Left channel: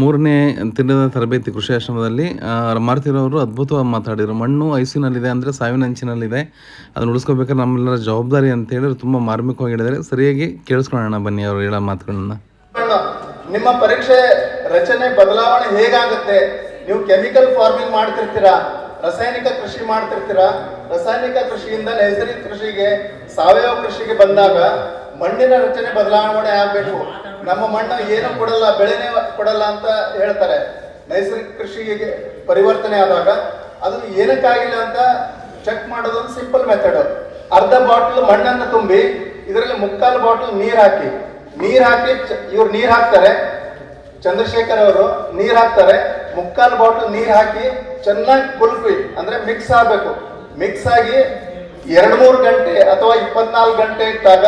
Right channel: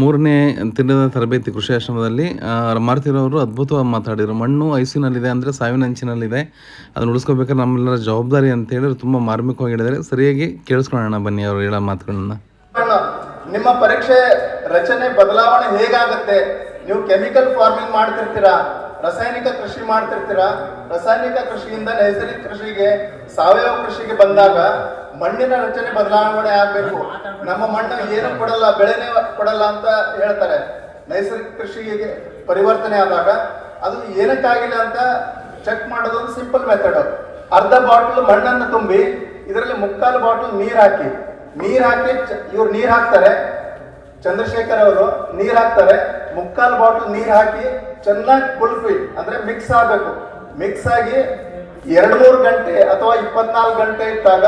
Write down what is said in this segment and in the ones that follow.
ಮೂರನೇ ದಿನದ ತರಬೇತಿ ಕೃಷಿ ಆಶ್ರಮದಲ್ಲಿ ಮಾರುತಿರವರು ಅದ್ಭುತವಾಗಿ ಮಾತಾಡಿದರು. ಮಣ್ಣು ಐಸಿನಲ್ಲಿದೆ, ಅಂದರೆ ಸಾವಿನ ಅಂಚಿನಲ್ಲಿದೆ, ಅದನ್ನು ಉಳಿಸ್ಕೋಬೇಕಾದ್ರೆ ನಮ್ಮೆಲ್ಲರ ಜವಾಬ್ದಾರಿ ಅಂತ ಹೇಳಿದ್ರು. ತುಂಬ ಮಾರ್ಮಿಕವಾಗಿ ಹೇಳಿದ್ದಾರೆ. ಸರಿಯಾಗಿ ಕೇಳಿಸ್ಕೊಳ್ಳೋಣ ಬನ್ನಿ ಅವರು ಹೇಳೋ ಮಾತುಗಳನ್ನ. ನಿಮ್ಮ ಪರೀಕ್ಷೆ ರಚನೆ ಬದಲಾವಣೆ ಹೇಗಾಗುತ್ತೆ? ನೀವು ಕೆಮಿಕಲ್ ಫಾರ್ಮಿಂಗ್ ಮಾಡ್ತಿರ್ತೀರಾ, ರಾಸಾಯನಿಕ ಕೃಷಿ ಮಾಡ್ತಿರ್ತೀರಾ. ರಾಸಾಯನಿಕ ಕೃಷಿಯಿಂದ ನೈಸರ್ಗಿಕ ಕೃಷಿಗೆ, ಸಾವಯವ ಕೃಷಿಗೆ ಬಂದಾಗ ಮಣ್ಣಿನ ರಚನೆ ಬದಲಾವಣೆ ಆಗಬೇಕು. ನಮ್ಮ ಮಣ್ಣು ಏನು ಕೊಡಲ್ಲ, ಬೆಳೆನೇ ಕೊಡಲ್ಲ ಅಂತ ಹೇಳ್ತಾರೆ. ನೈಸರ್ಗಿಕ ಕೃಷಿಗೆ ಪರಿವರ್ತನೆ ಆದಾಗ ಅದು ಏನಕ್ಕಾಗಿಲ್ಲ ಅಂತ ಚೆಕ್ ಮಾಡೋದು ಸಿಂಪಲ್ ಮೆಥಡ್. ಅರ್ಧ ಬಾಟಲ್ ಮಣ್ಣನ್ನು ತುಂಬಿ ಇದರಲ್ಲಿ 3/4 ಬಾಟಲ್ ನೀರ್ ಹಾಕಿ ಇವ್ರು ನೀರ್ ಹಾಕ್ತಾರೆ, ಚಂದ್ರಶೇಖರ್ ಅವರು ನೀರ್ ಹಾಕ್ತಾರೆ. 3/4 ಬಾಟಲ್ ನೀರ್ ಹಾಕಿ ಚೆನ್ನಾಗಿ ಕುಲ್ಪಿ, ಅಂದ್ರೆ ಮಿಕ್ಸ್ ಆಗ್ಬೇಕು. ಮಿಕ್ಸ್ ಆಗಿ 2-3 ಗಂಟೆ ಅಥವಾ 24 ಗಂಟೆ ಇಟ್ಟಾಗ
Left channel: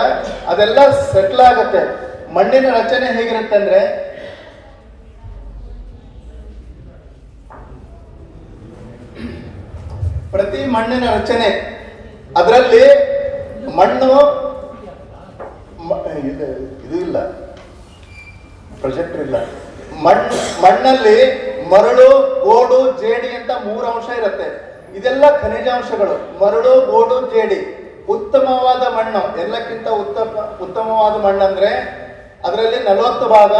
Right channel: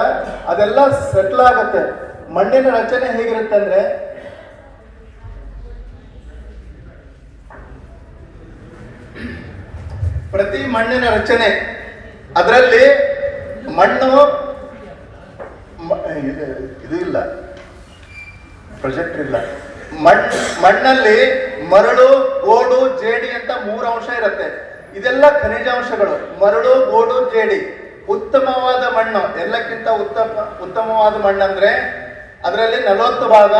ಅದೆಲ್ಲ ಸೆಟ್ಲ್ ಆಗುತ್ತೆ. ಮಣ್ಣಿನ ರಚನೆ ಹೇಗಿರುತ್ತೆ ಅಂದ್ರೆ, ಪ್ರತಿ ಮಣ್ಣಿನ ರಚನೆ ಅದರಲ್ಲಿ ಮಣ್ಣು ಇದು ಇಲ್ಲ, ಪ್ರೊಜೆಕ್ಟರ್ ಇಲ್ಲ. ಮಣ್ಣಲ್ಲಿ ಮರಳು, ಗೋಡು, ಜೇಡಿ ಅಂತ 3 ಅಂಶ ಇರುತ್ತೆ. ಇದೆಲ್ಲ ಖನಿಜಾಂಶಗಳು. ಮರಳು, ಗೋಡು, ಜೇಡಿ. ಉತ್ತಮವಾದ ಮಣ್ಣು, ಎಲ್ಲಕ್ಕಿಂತ ಉತ್ತಮವಾದ ಮಣ್ಣು ಅಂದ್ರೆ ಅದರಲ್ಲಿ 40 ಭಾಗ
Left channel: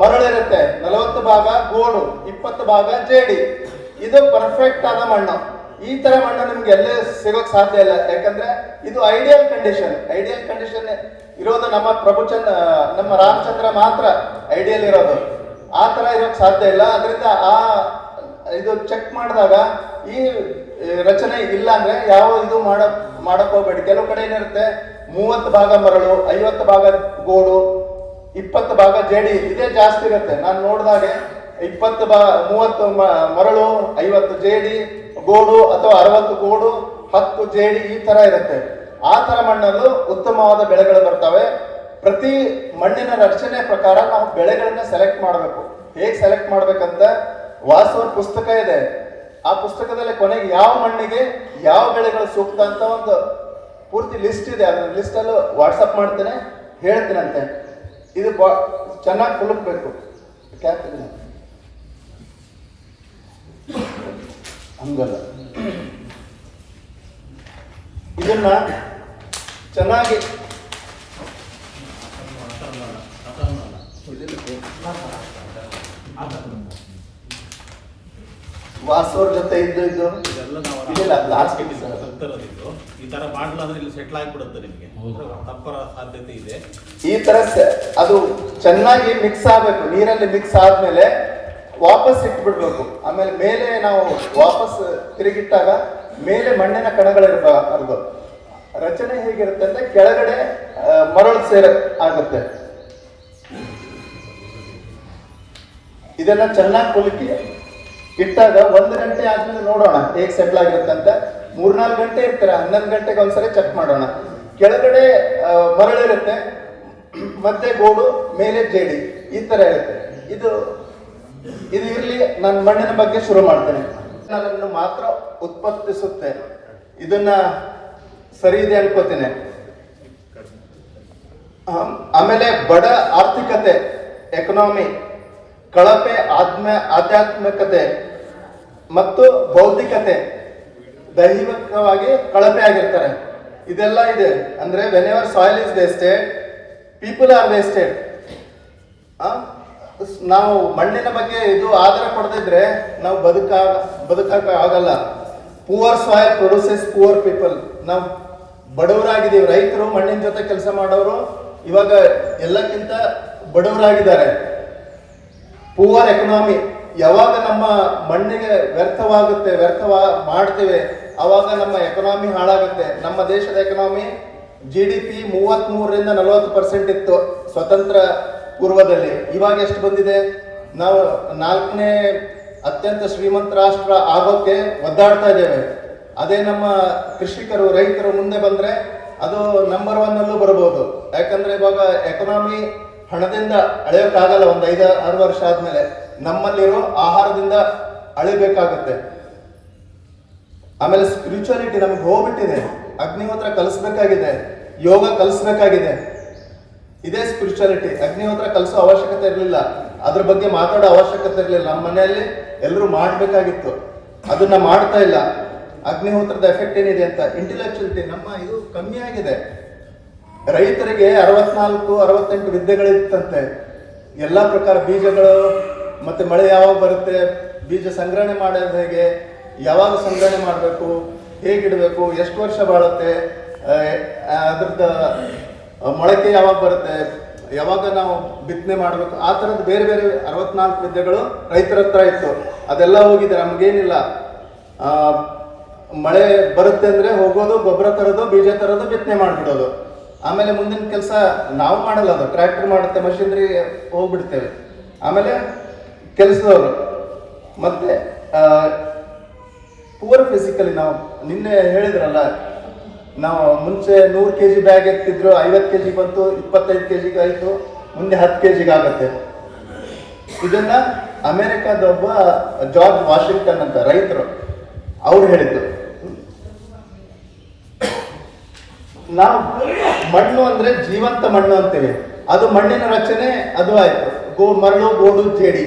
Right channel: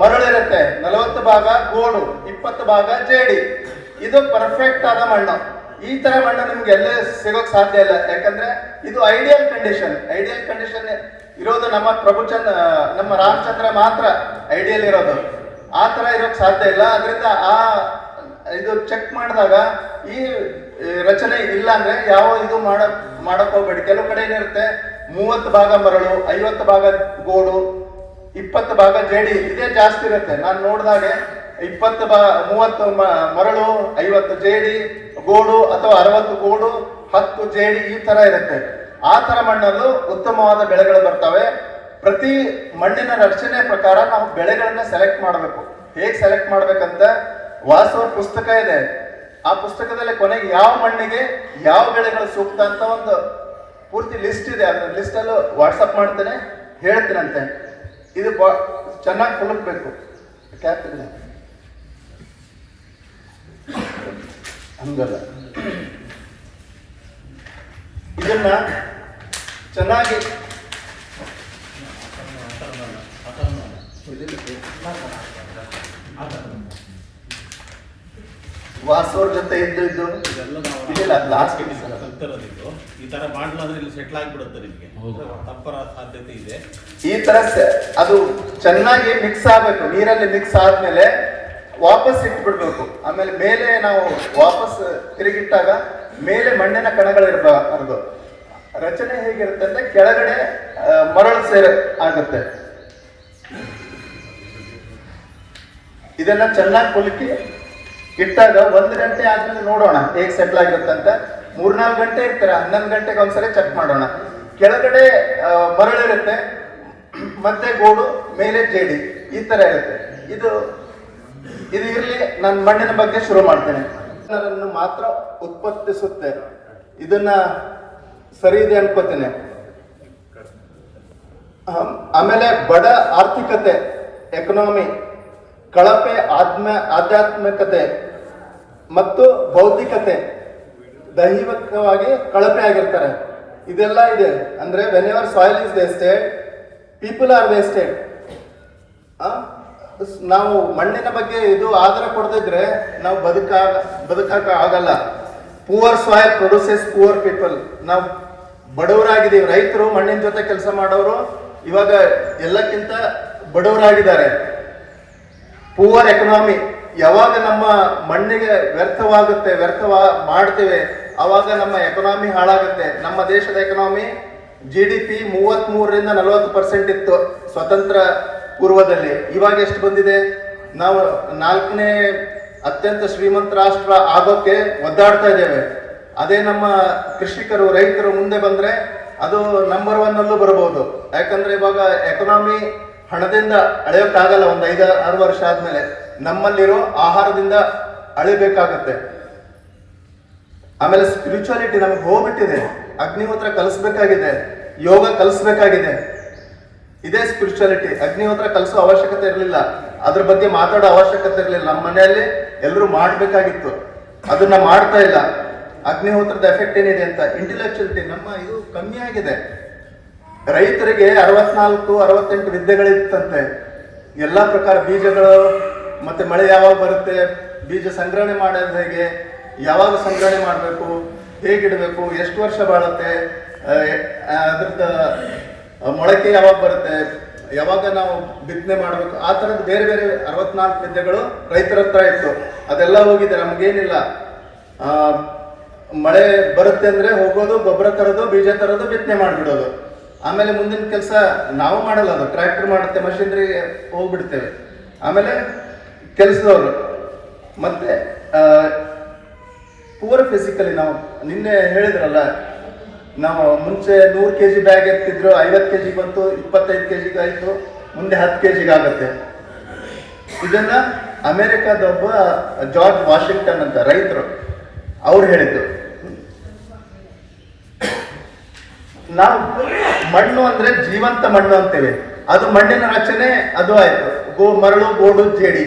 ಮರಳಿರುತ್ತೆ, 40 ಭಾಗ ಗೋಡು, 20 ಭಾಗ ಜೇಡಿ. ಇದು ಪರ್ಫೆಕ್ಟ್ ಆದ ಮಣ್ಣು. ಈ ತರ ಮಣ್ಣು ನಿಮ್ಗೆ ಎಲ್ಲೇ ಸಿಗೋಕ್ ಸಾಧ್ಯ ಇಲ್ಲ. ಯಾಕಂದ್ರೆ ಇದು ಐಡಿಯಲ್ ಕಂಡೀಷನ್ ಇರೋದು ನಮ್ಮ ರಾಮಚಂದ್ರ ಮಾತ್ರ ಐಡಿಯಲ್ ಇರೋದು. ಆ ತರ ಇರೋಕ್ ಸಾಧ್ಯ ಇಲ್ಲ. ಅದರಿಂದ ಇದು ಚೆಕ್ ಮಾಡಿದಾಗ ಈ ರಚನೆ ಇಲ್ಲ ಅಂದ್ರೆ ಯಾವ ಇದು ಮಾಡಕ್ ಹೋಗ್ಬೇಡಿ. ಕೆಲವು ಕಡೆ ಏನಿರುತ್ತೆ 30 ಭಾಗ ಮರಳು, 50 ಭಾಗ ಗೋಡು, 20 ಭಾಗ ಜೇಡಿ, ಇದೇ ಜಾಸ್ತಿ ಇರುತ್ತೆ. ನಾನು ನೋಡಿದಾಗ 30 ಮರಳು, 50 ಜೇಡಿ ಗೋಡು, ಅಥವಾ 60 ಗೋಡು, 10 ಜೇಡಿ, ಈ ತರ ಇರುತ್ತೆ. ಆ ತರ ಮಣ್ಣಲ್ಲೂ ಉತ್ತಮವಾದ ಬೆಳೆಗಳು ಬರ್ತವೆ. ಪ್ರತಿ ಮಣ್ಣಿನ ರಚನೆ ಪ್ರಕಾರ ನಾವು ಬೆಳೆಗಳನ್ನ ಸೆಲೆಕ್ಟ್ ಮಾಡಬೇಕು. ಹೇಗೆ ಸೆಲೆಕ್ಟ್ ಮಾಡ್ಬೇಕಂತ ವಾಸವ್ರ ಪುಸ್ತಕ ಇದೆ. ಆ ಪುಸ್ತಕದಲ್ಲಿ ಕೊನೆಗೆ ಯಾವ ಮಣ್ಣಿಗೆ ಯಾವ ಬೆಳೆಗಳು ಸೂಕ್ತ ಅಂತ ಒಂದು ಪೂರ್ತಿ ಲಿಸ್ಟ್ ಇದೆ. ಅದ್ರ ಲಿಸ್ಟ್ ಅಲ್ಲೂ ವಾಟ್ಸಪ್ ಮಾಡ್ತೇನೆ, ಹೇಳ್ತೀನಂತೆ. ಇದು ಚೆನ್ನಾಗಿ ಕುಲುಕ್ಬೇಕು. ಹಂಗಲ್ಲ, ಇದನ್ನ ಚೆನ್ನಾಗಿ ವಾಸವ್ರ ಜೊತೆ ಇದ್ದು ಈ ತರ ಮಾಡ್ಲಾದ್ರೆ ಇಲ್ಲಿ ಸೆಟ್ಲ್ ಆಗಿಬಿಡುತ್ತೆ. ನಿಮಗೆ ತಪ್ಪರ ಸಾಧ್ಯತೆ ಇದೆ. ಈ ತರ ಅದು ಚೆನ್ನಾಗಿ ಮಿಕ್ಸ್ ಆಗ್ಬೇಕು. ನೀರಲ್ಲಿ ಮಿಕ್ಸ್ ಆದ್ಮೇಲೆ ವಾಪಸ್ ಇಟ್ಬಿಡ್ಬೇಕು. ಆಮೇಲೆ ಮೇಲೆ ನಾವು ವಾಪಸ್ ತಿರುಗಿಟ್ಟಾಗ ಮೇಲೆ ಮಣ್ಣಿನ ಕಣಗಳಿರಬಾರ್ದು. ರಚನೆ ಹೇಗಿರುತ್ತೆ ಅಂದ್ರೆ ಕೆಳಗಡೆ ಮರಳು ಆಗುತ್ತೆ. ಇದನ್ನ ಚೆನ್ನಾಗಿ ಕುಲುಕಿ ಇಟ್ಟಾಗ 1 ಗಂಟೆ ಆದ್ಮೇಲೆ ನೋಡೋಣ ಹೇಗೆ ಸೆಟ್ಲ್ ಆಗಿರುತ್ತೆ ಅಂತ. 3-4 ಗಂಟೆ ಇರ್ತಾರೆ, 11 ಗಂಟೆಗೆ ಒಂದ್ಸರಿ ಚೆಕ್ ಮಾಡೋಣ. ಕೆಳಗಡೆ ಮರಳಿರುತ್ತೆ, ಮತ್ತೆ ಗೋಡು, ಮೇಲೆ ಜೇಡಿ, ಈ ತರ ಇರುತ್ತೆ. ಇದು ಇರ್ಲಿ, ನಾನು ಮಣ್ಣಿನ ಬಗ್ಗೆ ಶುರು ಮಾಡ್ತೇನೆ. ಅದನ್ನು ಮಾತ್ರ ಉತ್ಪತ್ತಿಸುತ್ತೆ. ಇದನ್ನ ಸರಿ ಇದೆ ಅನ್ಕೋತೀನಿ. ಆಮೇಲೆ ಬಡ ಆರ್ಥಿಕತೆ, ಎಕನಾಮಿ, ಕಳಪೆ ಆಧ್ಯಾತ್ಮಿಕತೆ ಮತ್ತು ಬೌದ್ಧಿಕತೆ, ದೈಹಿಕವಾಗಿ ಕಳಪೆ ಆಗಿರ್ತಾರೆ. ಇದೆಲ್ಲ ಇದೆ. ಅಂದ್ರೆ whenever soil is wasted, people are wasted. ನಾವು ಮಣ್ಣಿನ ಬಗ್ಗೆ ಇದು ಆಧಾರ ಕೊಡದಿದ್ರೆ ನಾವು ಬದುಕಾಕ ಆಗಲ್ಲ. Poor soil produces poor people. ನಾವು ಬಡವರಾಗಿದ್ದೀವಿ. ರೈತರು, ಮಣ್ಣಿನ ಜೊತೆ ಕೆಲಸ ಮಾಡೋರು ಇವಾಗ ಎಲ್ಲಕ್ಕಿಂತ ಬಡವರಾಗಿದ್ದಾರೆ. ಪೂವರ್ ಎಕನಾಮಿ, ಯಾವಾಗ ನಮ್ಮ ಮಣ್ಣಿಗೆ ವ್ಯರ್ಥ ಮಾಡ್ತೇವೆ ಅವಾಗ ನಮ್ಮ ಎಕನಾಮಿ ಹಾಳಾಗುತ್ತೆ. ನಮ್ಮ ದೇಶದ ಎಕನಾಮಿ GDP 33-40% ಇತ್ತು ಸ್ವತಂತ್ರ ಪೂರ್ವದಲ್ಲಿ. ಇವಾಗ ಎಷ್ಟು ಬಂದಿದೆ? ನಾವು 4ನೇ ಅತ್ಯಂತ ಶ್ರೀಮಂತ ರಾಷ್ಟ್ರ ಆಗೋಕ್ಕೆ ಒದ್ದಾಡ್ತಾ ಇದ್ದೇವೆ. ಅದೇ ನಮ್ಮ ಕೃಷಿಕರು, ರೈತರು ಮುಂದೆ ಬಂದ್ರೆ ಅದು ನಂಬರ್ 1 ಅಲ್ಲೂ ಬರಬಹುದು. ಯಾಕಂದ್ರೆ ಇವಾಗ ಎಕನಾಮಿ ಹಣದಿಂದ ಅಳೆಯೋಕ್ಕಾಗಲ್ಲ. 5-6 ವರ್ಷ ಆದ್ಮೇಲೆ ನಮ್ಮಲ್ಲಿರೋ ಆಹಾರದಿಂದ ಅಳಿಬೇಕಾಗುತ್ತೆ. ಆಮೇಲೆ ಸ್ಪಿರಿಚುಯಾಲಿಟಿ ನಮಗೆ ಹೋಗ್ಬಿಟ್ಟಿದೆ. ಅಗ್ನಿಹೋತ್ರ ಕಲಿಸ್ಬೇಕಾಗಿದೆ, ಯೋಗ ಕಲಿಸ್ಬೇಕಾಗಿದೆ. ಇದೇ ಸ್ಪಿರಿಚುಯಾಲಿಟಿ. ಅಗ್ನಿಹೋತ್ರ ಕಲಿಸೋ ಅವಶ್ಯಕತೆ ಇರಲಿಲ್ಲ, ಅದ್ರ ಬಗ್ಗೆ ಮಾತಾಡೋ ಅವಶ್ಯಕತೆ ಇರಲಿಲ್ಲ. ನಮ್ಮ ಮನೆಯಲ್ಲಿ ಎಲ್ಲರೂ ಮಾಡಬೇಕಾಗಿತ್ತು, ಅದನ್ನ ಮಾಡ್ತಾ ಇಲ್ಲ. ಅಗ್ನಿಹೋತ್ರದ ಎಫೆಕ್ಟ್ ಏನಿದೆ ಅಂತ ಇಂಟೆಲೆಕ್ಚುಯಾಲಿಟಿ ನಮ್ಮ ಇದು ಕಮ್ಮಿ ಆಗಿದೆ. ರೈತರಿಗೆ 64-68 ವಿದ್ಯೆಗಳಿತ್ತಂತೆ. ಎಲ್ಲ ಪ್ರಕಾರ ಬೀಜಗಳು, ಮತ್ತೆ ಮಳೆ ಯಾವಾಗ ಬರುತ್ತೆ, ಬೀಜ ಸಂಗ್ರಹಣೆ ಮಾಡೋದು ಹೇಗೆ, ಯಾವಾಗ ಸಂಗ್ರಹಣೆ ಮಾಡಬೇಕು, ಹೇಗಿಡಬೇಕು, ಎಷ್ಟು ವರ್ಷ ಬಾಳುತ್ತೆ, ಅದ್ರದ್ದು ಮೊಳಕೆ ಯಾವಾಗ ಬರುತ್ತೆ, ಯಾವಾಗ ನಾವು ಬಿತ್ತನೆ ಮಾಡಬೇಕು, ಆ ಥರದ್ದು ಬೇರೆ ಬೇರೆ 64 ವಿದ್ಯೆಗಳು ರೈತರ ಹತ್ರ ಇತ್ತು. ಅದೆಲ್ಲ ಹೋಗಿದೆ, ನಮಗೇನಿಲ್ಲ. ಮಳೆ ಬರುತ್ತೆ ಅಂದ್ರೆ ಹೋಗೋದು, ಗೊಬ್ಬರ ತರೋದು, ಬೀಜ ತರೋದು, ಬಿತ್ತನೆ ಮಾಡಿಬಿಡೋದು. ಆಮೇಲೆ ಮುಂದಿನ ಕೆಲಸ ನಾವು ಮಾಡಲ್ಲ, ಅದು ಟ್ರ್ಯಾಕ್ಟರ್ ಮಾಡುತ್ತೆ, ಮಷಿನರಿ ಹೋಗ್ಬಿಡ್ತೇವೆ. ಆಮೇಲೆ ಕೆಲಸದವರು ಮತ್ತೆ ಪೂರ್ ಫಿಸಿಕಲಿ ನಾವು ನಿನ್ನೆ ಹೇಳಿದ್ರಲ್ಲ, ನಾವು ಮುಂಚೆ 100 kg ಬ್ಯಾಗ್ ಎತ್ತಿದ್ರು, 50 kg ಬಂತು, 25 kg ಆಯ್ತು, ಮುಂದೆ 10 kg ಆಗುತ್ತೆ. ಇದನ್ನ ಅಮೆರಿಕದ ಒಬ್ಬ ಜಾರ್ಜ್ ವಾಷಿಂಗ್ಟನ್ ಅಂತ ರೈತರು ಅವ್ರು ಹೇಳಿದ್ದು. ನಾವು ಮಣ್ಣು ಅಂದ್ರೆ ಜೀವಂತ ಮಣ್ಣು ಅಂತೇವೆ. ಅದು ಮಣ್ಣಿನ ರಚನೆ ಅದು ಆಯ್ತು. ಮರಳು, ಗೋಡು, ಜೇಡಿ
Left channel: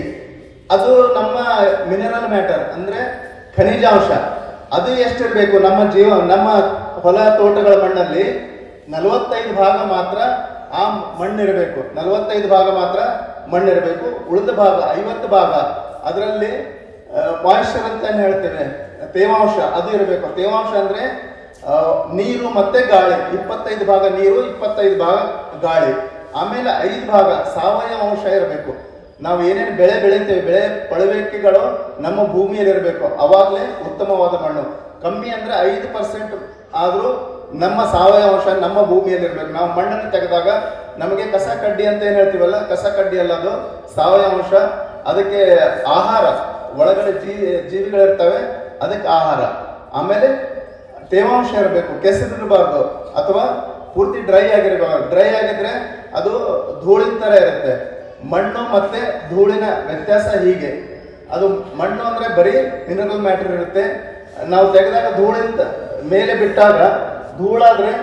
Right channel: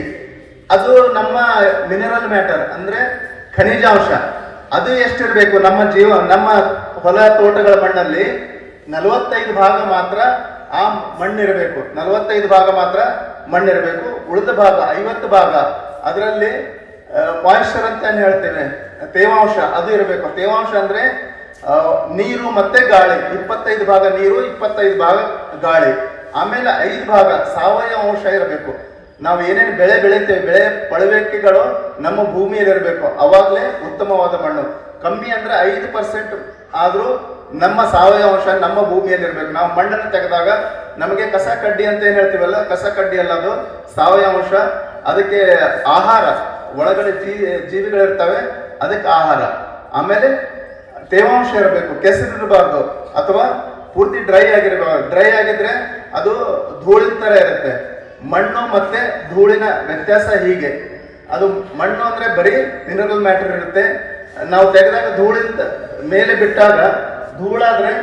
ಅದು ನಮ್ಮ ಮಿನರಲ್ ಮ್ಯಾಟರ್ ಅಂದ್ರೆ ಖನಿಜಾಂಶ. ಅದು ಎಷ್ಟಿರ್ಬೇಕು ನಮ್ಮ ನಮ್ಮ ಹೊಲ ತೋಟಗಳ ಮಣ್ಣಲ್ಲಿ 45 ಭಾಗ ಮಾತ್ರ ಆ ಮಣ್ಣಿರಬೇಕು. 45 ಭಾಗ ಮಾತ್ರ ಮಣ್ಣಿರಬೇಕು. ಉಳಿದ ಭಾಗ 50 ಭಾಗ ಅದರಲ್ಲಿ ಮಾಯಿಶ್ಚರ್ ಅಂತ ಹೇಳ್ತೇವೆ, ತೇವಾಂಶ, ಅದು ಇರಬೇಕು. ತೇವಾಂಶ ಅಂದ್ರೆ ನೀರು ಮತ್ತೆ ಗಾಳಿ. 25 ಭಾಗ ನೀರು, 25 ಭಾಗ ಗಾಳಿ. ಆಮೇಲೆ 5 ಭಾಗ ಸಾವಯವ ಅಂಶ ಇರಬೇಕು. ನಾವು ಏನೇನು ಬೆಳೆ ಬೆಳಿತೇವೆ, ಬೆಳೆ ಪಳವೆಕೆಗಳು ನಮ್ಮ ಭೂಮಿಯಲ್ಲಿ ಇರಬೇಕು, ಅವಾಗಲೇ ಉತ್ತಮವಾದ ಮಣ್ಣು. ಕಮ್ಮಿ ಅಂದ್ರೆ 5% ಆದ್ರೂ ನಮ್ಮ ಸಾವಯವ ಅಂಶ ನಮ್ಮ ಭೂಮಿಯಲ್ಲಿ ಇರಬೇಕು. ನಾವು ಮಣ್ಣನ್ನು ತೆಗೆದಾಗ ನಮಗೆ ಕಸ ಕಡ್ಡಿ ಅಂತ ಏನ್ ಹೇಳ್ತೀವಲ್ಲ, ಕಸ ಕಡ್ಡಿ ಅಲ್ಲ, ಅದು ಸಾವಯವ ಅಂಶ. ಅದಕ್ಕೆ ಆಹಾರ, ಒಳಗಡೆ ಜೀವಿಗಳಿರ್ತವೆ, ಅದಕ್ಕೆ ಆಹಾರ. ಆಮೇಲೆ ತೇವಾಂಶ ಇರಬೇಕು, ಕೆಸರಿರಬಾರ್ದು ಅಥವಾ ಪೂರ್ತಿ ಡ್ರೈ ಆಗಿರಬಾರ್ದು. ಡ್ರೈ ಆಗಿದ್ರೆ ಅದು ಧೂಳಿನ ತರ ಇರುತ್ತೆ. ಮಣ್ಣು ಮತ್ತೆ ಧೂಳಿನ ವ್ಯತ್ಯಾಸ ಹೀಗೆ. ಅದು ಮಣ್ಣು ಅಂದ್ರೆ ಬರೀ ಮಿನರಲ್ ಮ್ಯಾಟರ್ ಇರುತ್ತೆ. ನಾವು ತೆಗೆದಾಗ ಧೂಳಿಂದ ಮೇಲೆ ಬಿಟ್ಟಾಗ, ಧೂಳಾದ್ರೆ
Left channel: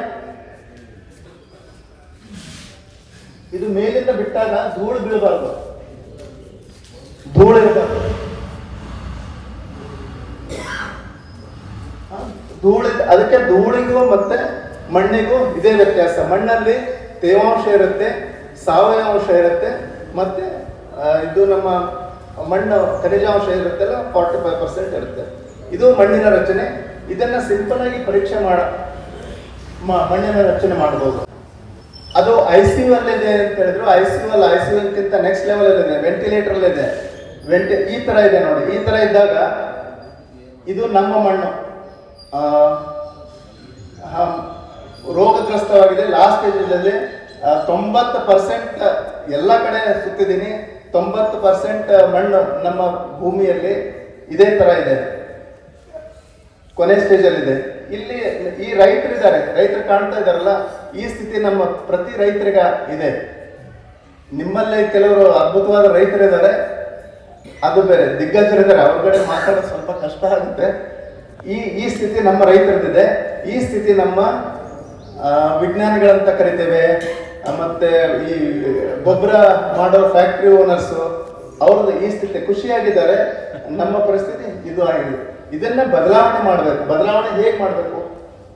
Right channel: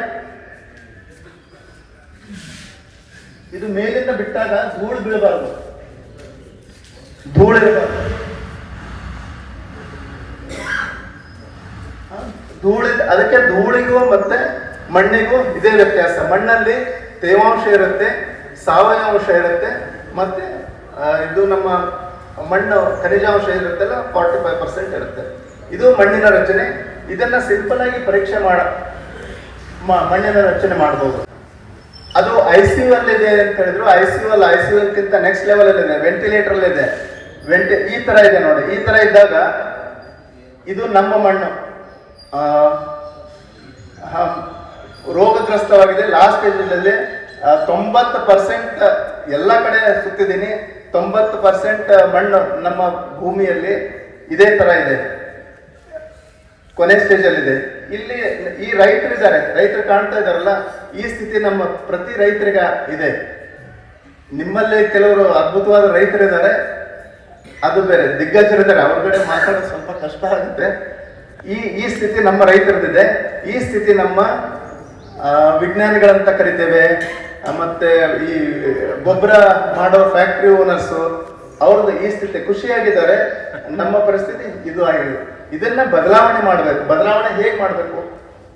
ಇದು ಮೇಲಿಂದ ಬಿಟ್ಟಾಗ ಧೂಳು ಬೀಳಬಾರ್ದು, ಧೂಳಿರಬಾರ್ದು. ಅದಕ್ಕೆ ಧೂಳಿಗೂ ಮತ್ತೆ ಮಣ್ಣಿಗೂ ಇದೇ ವ್ಯತ್ಯಾಸ. ಮಣ್ಣಲ್ಲಿ ತೇವಾಂಶ ಇರುತ್ತೆ, ಸಾವಯವ ಅಂಶ ಇರುತ್ತೆ, ಮತ್ತೆ ಇದು ನಮ್ಮ ಮಣ್ಣು ಖನಿಜಾಂಶ ಇರುತ್ತಲ್ಲ 45% ಇರುತ್ತೆ. ಇದು ಮಣ್ಣಿನ ರಚನೆ. ಇದನ್ನ ಸಿಂಪಲ್ ಆಗಿ ಪರೀಕ್ಷೆ ಮಣ್ಣಿನ ರಚನೆ ಮಾಡಬಹುದು. ಅದು ICU ಅಲ್ಲಿದೆ ಅಂತ ಹೇಳಿದ್ರು. ICU ಗಿಂತ ನೆಕ್ಸ್ಟ್ ಲೆವೆಲ್ ಇದೆ, ವೆಂಟಿಲೇಟರ್ ಇದೆ. ಈ ತರ ಇದೆ ನೋಡಿ. ಈ ತರ ಇದ್ದಾಗ ಇದು ನಮ್ಮ ಮಣ್ಣು ರೋಗಗ್ರಸ್ತವಾಗಿದೆ. ಲಾಸ್ಟ್ ಸ್ಟೇಜಲ್ಲಿ 90% ಎಲ್ಲ ಕಡೆ ಸುತ್ತಿದ್ದೀನಿ. 90% ಮಣ್ಣು ನಮ್ಮ ಭೂಮಿಯಲ್ಲಿ ಇದೇ ತರ ಇದೆ, ಕೊನೆ ಸ್ಟೇಜ್ ಅಲ್ಲಿ ಇದೆ. ಇಲ್ಲಿ ಈ ರೈತರು ಇದ್ದಾರೆ, ರೈತರು ಕಾಣ್ತಾ ಇದಾರಲ್ಲ, ಈ ಸ್ಥಿತಿ ನಮ್ಮ ಪ್ರತಿ ರೈತರಿಗ ಇದೆ. ನಿಮ್ಮಲ್ಲಿ ಕೆಲವರು ಅದ್ಭುತವಾದ ರೈತರಿದ್ದಾರೆ, ಅದು ಬೇರೆ ದಿಗ್ಗಜರಿದ್ದಾರೆ, ಅವ್ರಗಡೆ ಮಾತಾಡೋದು ಸ್ವಲ್ಪ ಕಷ್ಟ ಆಗುತ್ತೆ. ಈ ಸ್ಥಿತಿ ನಮ್ಮ ರೈತರದಿದೆ. ಈ ಸ್ಥಿತಿ ನಮ್ಮ ವಿಜ್ಞಾನಿಗಳಂತ ಕರಿತೇವೆ, ಮತ್ತೆ ಈ ಗೊಬ್ಬರ ಮಾಡೋ ಫ್ಯಾಕ್ಟ್ರಿ ಓನರ್ಸ್, ಅವ್ರದ್ದು ಈ ಸ್ಥಿತಿ. ಖುಷಿಯಾಗಿದ್ದಾರೆ. ನಮ್ಮ ಪರಿಸ್ಥಿತಿ ಇದು ಆಗಿದೆ. ಇದನ್ನ ಬದಲಾವಣೆ ಮಾಡಬೇಕು. ಬದಲಾವಣೆ ಹೇಗೆ ಮಾಡಬೇಕು?